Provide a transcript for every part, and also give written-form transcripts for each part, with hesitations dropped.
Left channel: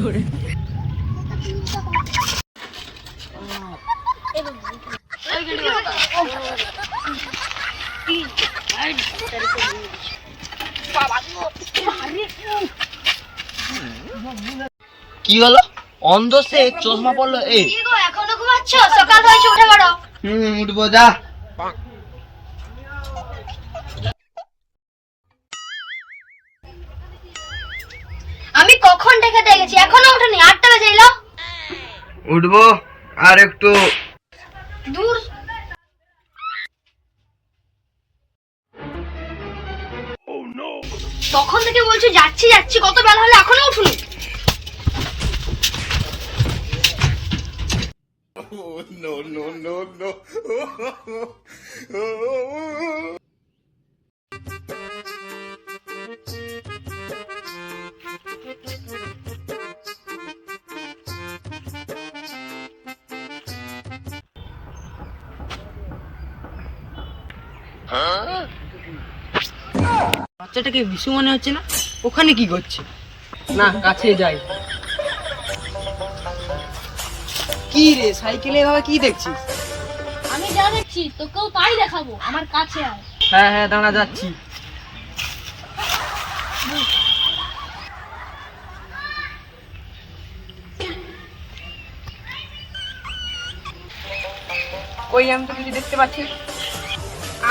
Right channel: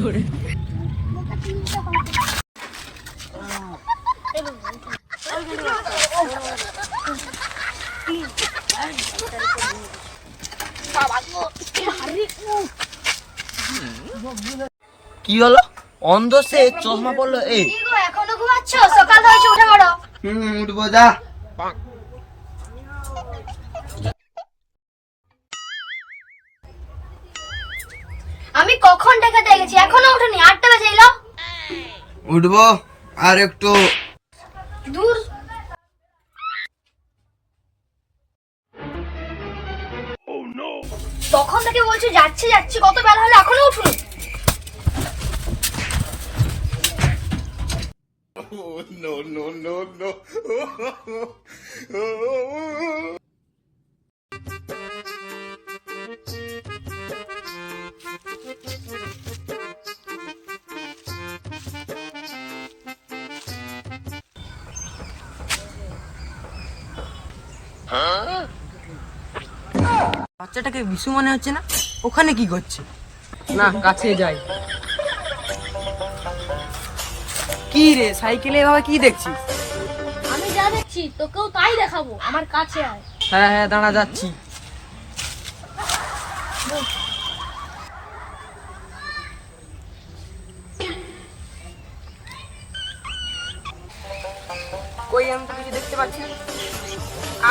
কি হলো? অন্ধ সে চশমা পড়লো। এই এখনো ঘুমাচ্ছ? সকাল হয়েছে, উঠে পড়ো। উঠবো, যা। আমি কখন ডেকে দেখেছি, এখনো উঠেনি। 8টা বেজে এলো। উঠবো আর একটু। দূর। তখন থেকে বলছো যাচ্ছি যাচ্ছি, কত বেলা হলো এখনো উঠুনি। No, no, no, no. বাচ্চাটাকে বিশু মনে হচ্ছে না? ওখানে কি করছে? না, কাছে যাই। কি রে, সাইকেলে এভাবে কি দেখছিস? আমি যা দেখছি তোকেও তাই দেখাবো। আমার কাছে আয়। হ্যাঁ হ্যাঁ, দাঁড়া, যাচ্ছি। ওই আমি তো কিছু দেখতে পাচ্ছি।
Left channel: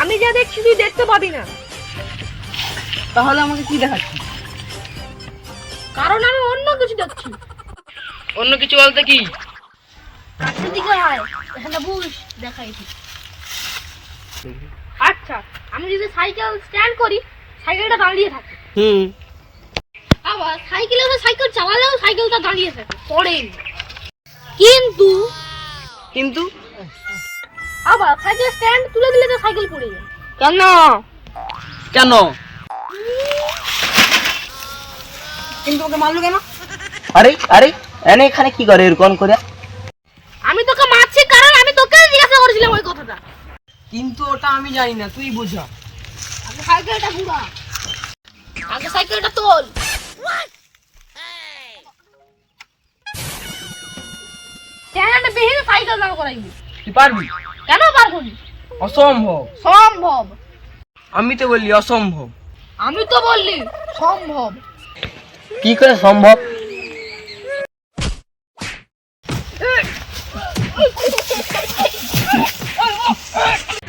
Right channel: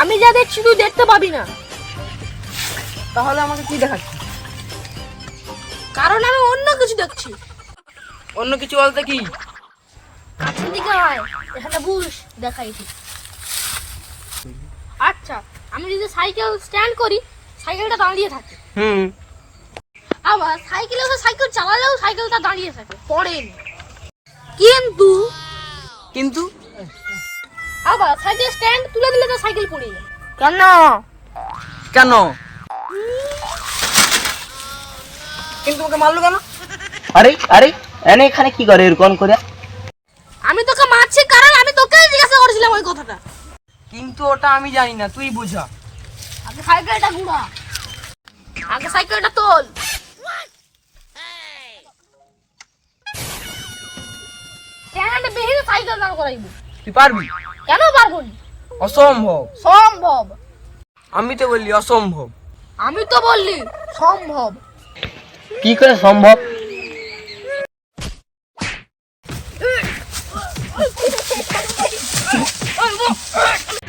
আমি যা দেখছি তুই দেখতে পাবি না। তাহলে আমাকে কি দেখাচ্ছি? কারণ আমি অন্য কিছু দেখছি। অন্য কিছু বলতে কি? এদিকে হয়, এখানে বুঝ দেখাই ঠিক। আচ্ছা, আমি যদি সাইকেল স্ট্যান্ড করি, সাইকেলটা দাঁড়িয়ে থাকে। আবার সাইকেল চালালেও সাইকেলটা দাঁড়িয়ে থাকে, পড়েনি। কিন্তু আবার সাইকেল স্ট্যান্ড তুলে দিলে তো সাইকেল পড়ে যায়। কেন কেন? কিন্তু ওকে মারলো কেন? আরে আরে, এখানে কি করে এরকম করে? আমি তোকে মারছি কারণ আমি তোকে জিজ্ঞাসা করেছিলাম ওই কথাটা। কিন্তু ওটা আমি জানি না, তুই বুঝা। আগে সাইকেলটা ঘুরা, আগে সাইকেলটা তোল। স্ট্যান্ড বিহীন সাইকেল দাঁড় করাইবি। তুই পারবি? কেন পারবো না? অসম্ভব। সম্ভব। আমি তো বললি অসম্ভব। আমি তো বললি সম্ভব। কি করে সম্ভব?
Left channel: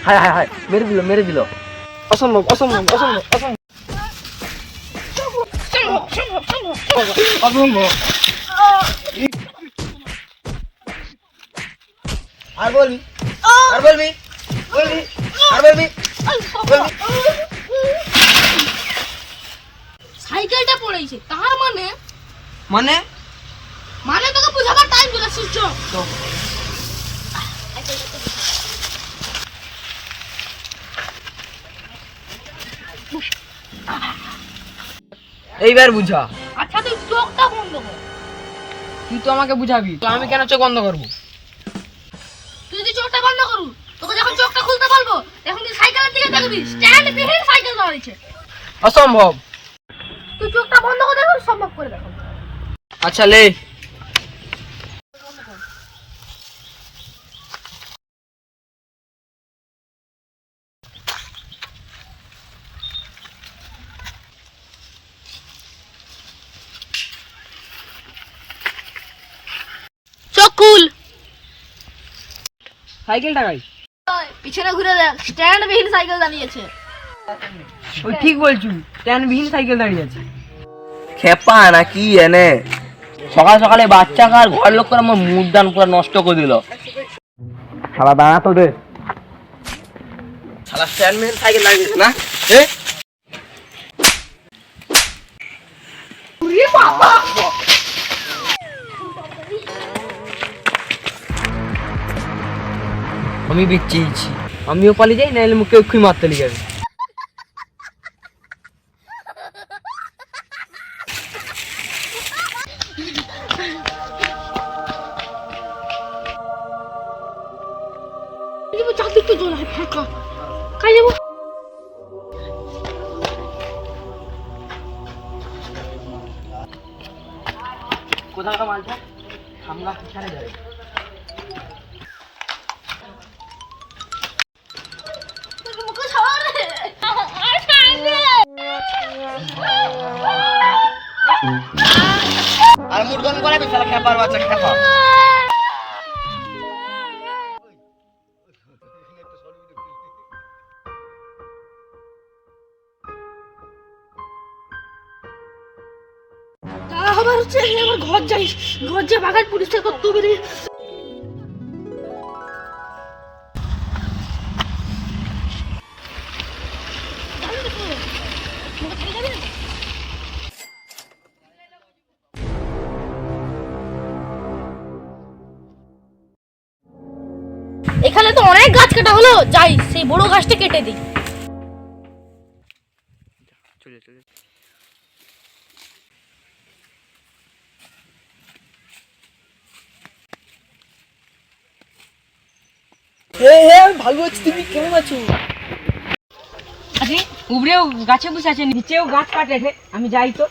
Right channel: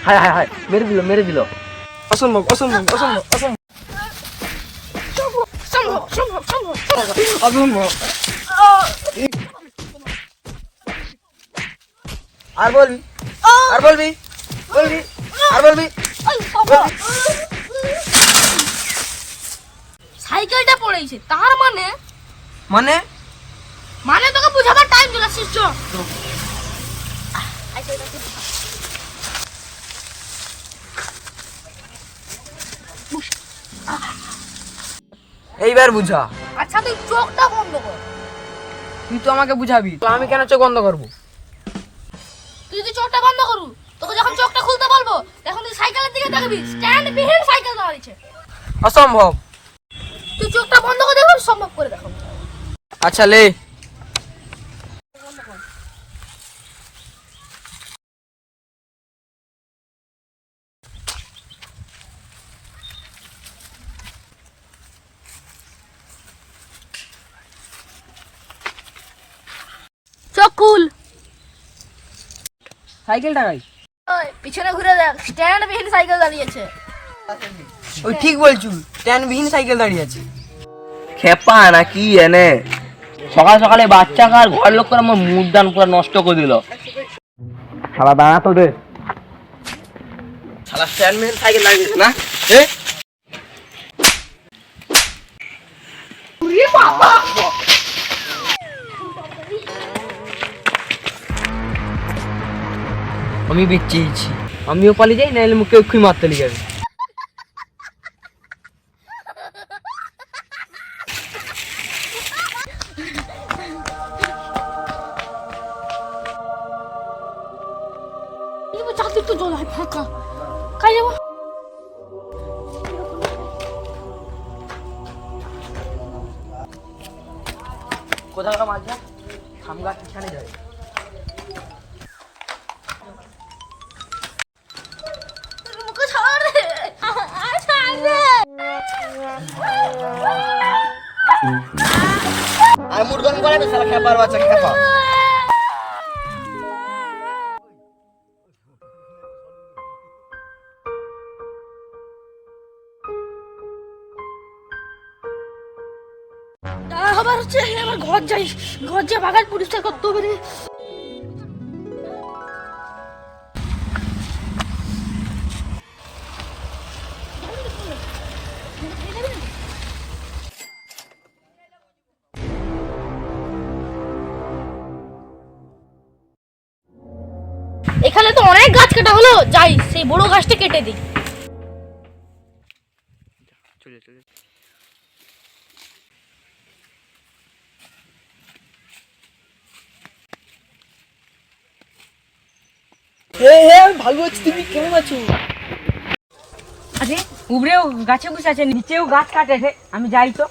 হায় হায় হায়, মেরে দিল। অসম্ভব অসম্ভব অসম্ভব অসম্ভব সম্ভব সম্ভব সম্ভব অসম্ভব। আর বলবি? আর বলবি? আর বলবি? সাইকেলটা পড়েছে, তার মানে মানে মানে তোকে বুঝাবার টাইম চলে আসছে। এইবার বুঝা। আচ্ছা তুই চোখটা বন্ধ কর। তুই তো আমাকে বুঝাবি, তো আমি কেন চোখ বন্ধ করবো? তুই যদি চোখটা বন্ধ করু, তোকে যখন চোখটা খুলতে বলবো তখন তুই সাইকেলের দিকে দেখবি, স্ট্যান্ড বিহীন সাইকেল দাঁড়িয়েছে। অসম্ভব। তুই চোখটা বন্ধ করে দেখো, সম্ভব করে দেখো। আচ্ছা লে। চোখ খুল। সাইকেলটা গাই। পিছনে ঘুরে দেখ, স্ট্যান্ড বিহীন সাইকেল দাঁড়িয়েছে। ওই ঠিক বলছু, স্ট্যান্ডবিহীন সাইকেল দাঁড়িয়ে আছে। খেপা নাকি এনে? সকাল সকালে বাচ্চা কার ঘর লোক করে আমার মুড দান পুরো নষ্ট করে দিল। শালা দাঁড়া তো রে। শালা স্ট্যান্ডম্যান সাইকেল লাগিয়েছে না? আমি বেঁচেইছি। আমিও পালিয়ে যাই, নাহলে মুখে অক্ষুই মারতে লেগে যাবে। চাকরি তো জল ফাঁকা খাই যাবো। কোথাও একটা মাল যায় থামগা পিছনে যাবে। মুখে ছাড়া রে আর মুড গরম করাবি শালা খেপার বাচ্চা খেপা। দাঁড়া আবার হচ্ছে আমার ঘর যাই, ঘর যা বাগান পরিষ্কার করতে হবে রে। এখানে তো অনেক গাছ কাটা হলো, যাই সেই বড় গাছটা কেটে দিই। আমি ভালো আছি, তুমি কেমন আছো? আরে উপরেও গাছে বসে আছে, নিচেও গাছ কাটে রে, আমি যাই তো।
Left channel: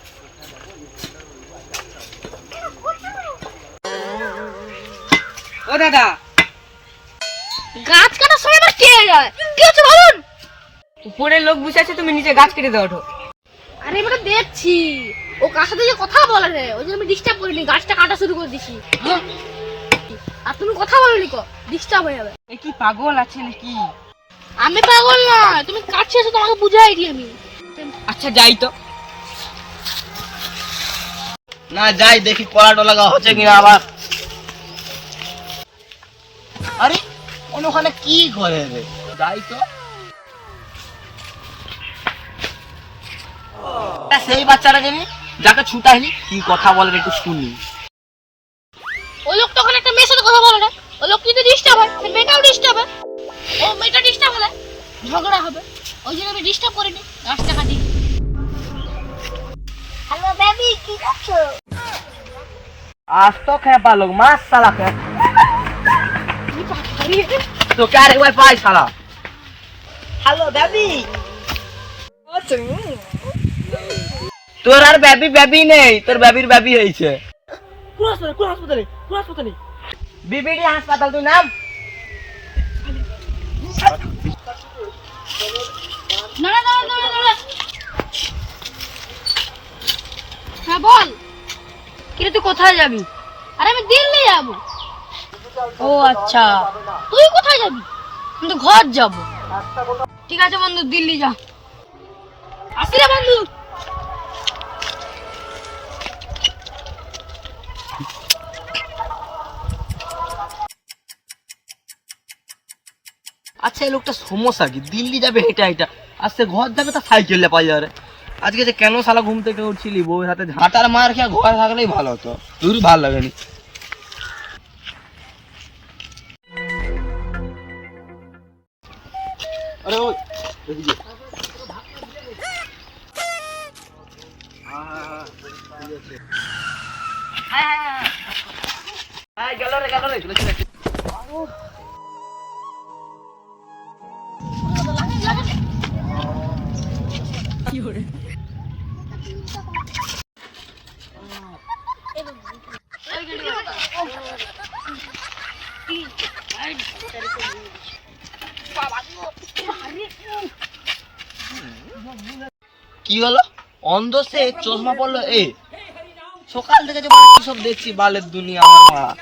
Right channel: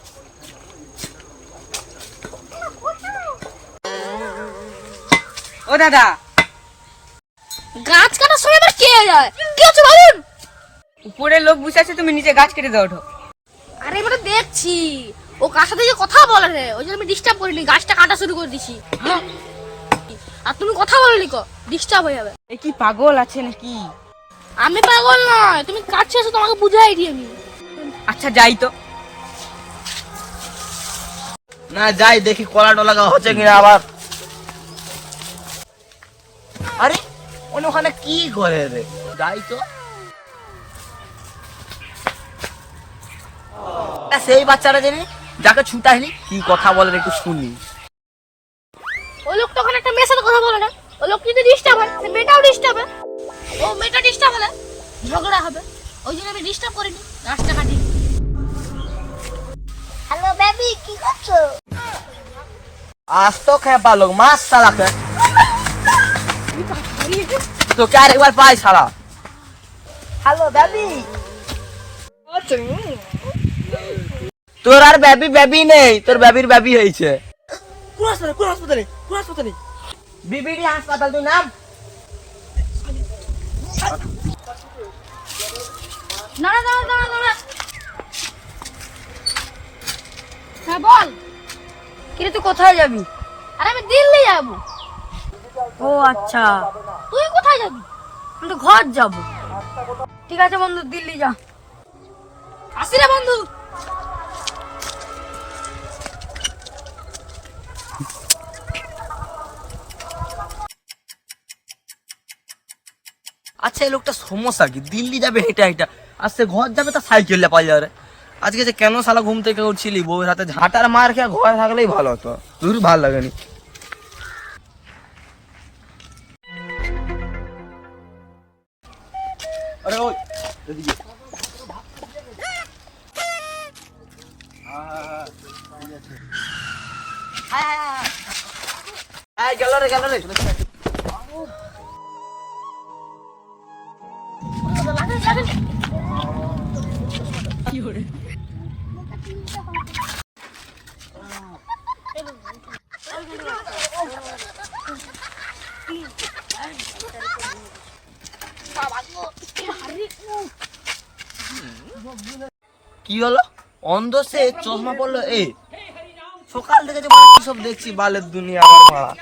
ও দাদা, গাছ কাটার সময় আবার কে যায়? কি হচ্ছে বলুন? উপরে লোক বসে আছে, তুমি নিচে গাছ কেটে দাও ওঠো। আরে এবারে দেখছি ও কার সাথে যে কথা বলে রে, ওই জন্য আমি ডিস্টার্ব করিনি, গাছটা কাটা শুরু করে দিছি। আর তুমি কথা বলনি কো, ডিস্টার্ব হয়ে যাবে। এ কি পাগল আছে নাকি? আমি পাগল না, তুমি কাটছো এসে তোমাকে বুঝাই দিই আমি। আচ্ছা যাই তো। না যাই দেখি কলা টলা হচ্ছে কিনা আবার। আরে ওখানে কি করে রে, যাই তো। সেই বাচ্চাটা জানি যাকে ছুটাইলি কি কথা বলে একটু শুনি। ওই লোক তখন একটা মেয়ের সাথে কথা বলে না, ওই লোক যদি ডিস্টার্ব হয় সে মেয়েটাও ডিস্টার্ব হয়, ও মেয়েটা ডিস্টার্ব হলে ঝগড়া হবে, ওই জন্য আমি ডিস্টার্ব করিনি, গাছটা কাটি। হ্যালো বেবি, কি করছো? आज तो खेपा लोग मास साला के तो क्या एक बार पाई साला। हेलो बेबी, তোর আর বেবি বেবি নেই, তোর বেবির বেবি হইছে। কোন হাসপাতালে বিবিডি হাসপাতাল তুই নাম। না না না না না, হ্যাঁ বল। কিরে তুই কোথায় যাবি? আরে আমি দিল্লি যাবো। ও আচ্ছা, তুই কোথায় যাবি? আমি তো ঘর যাব। ঠিক আছে বন্ধু, দিল্লি যা। আসি রে বন্ধু। আচ্ছা এই লোকটা সমস্যা কি, দিল্লি যাবে হেঁটে হেঁটে, আর সে ঘর যাবে তা সাইকেল পাই যাবে। আজকে যে কেন শালা ঘুম থেকে উঠছিলি, বউয়ের হাতে ঝাঁটার মার খেয়ে ঘর থাকলেই ভালো হতো, তোর ভালো লাগেনি। আরে ওই এদিকে গেল রে চলে চলে। কি হলো, অন্ধ সে চশমা পড়লো? এ সকাল থেকে যে সব দেখছি বালের দুনিয়া আমার।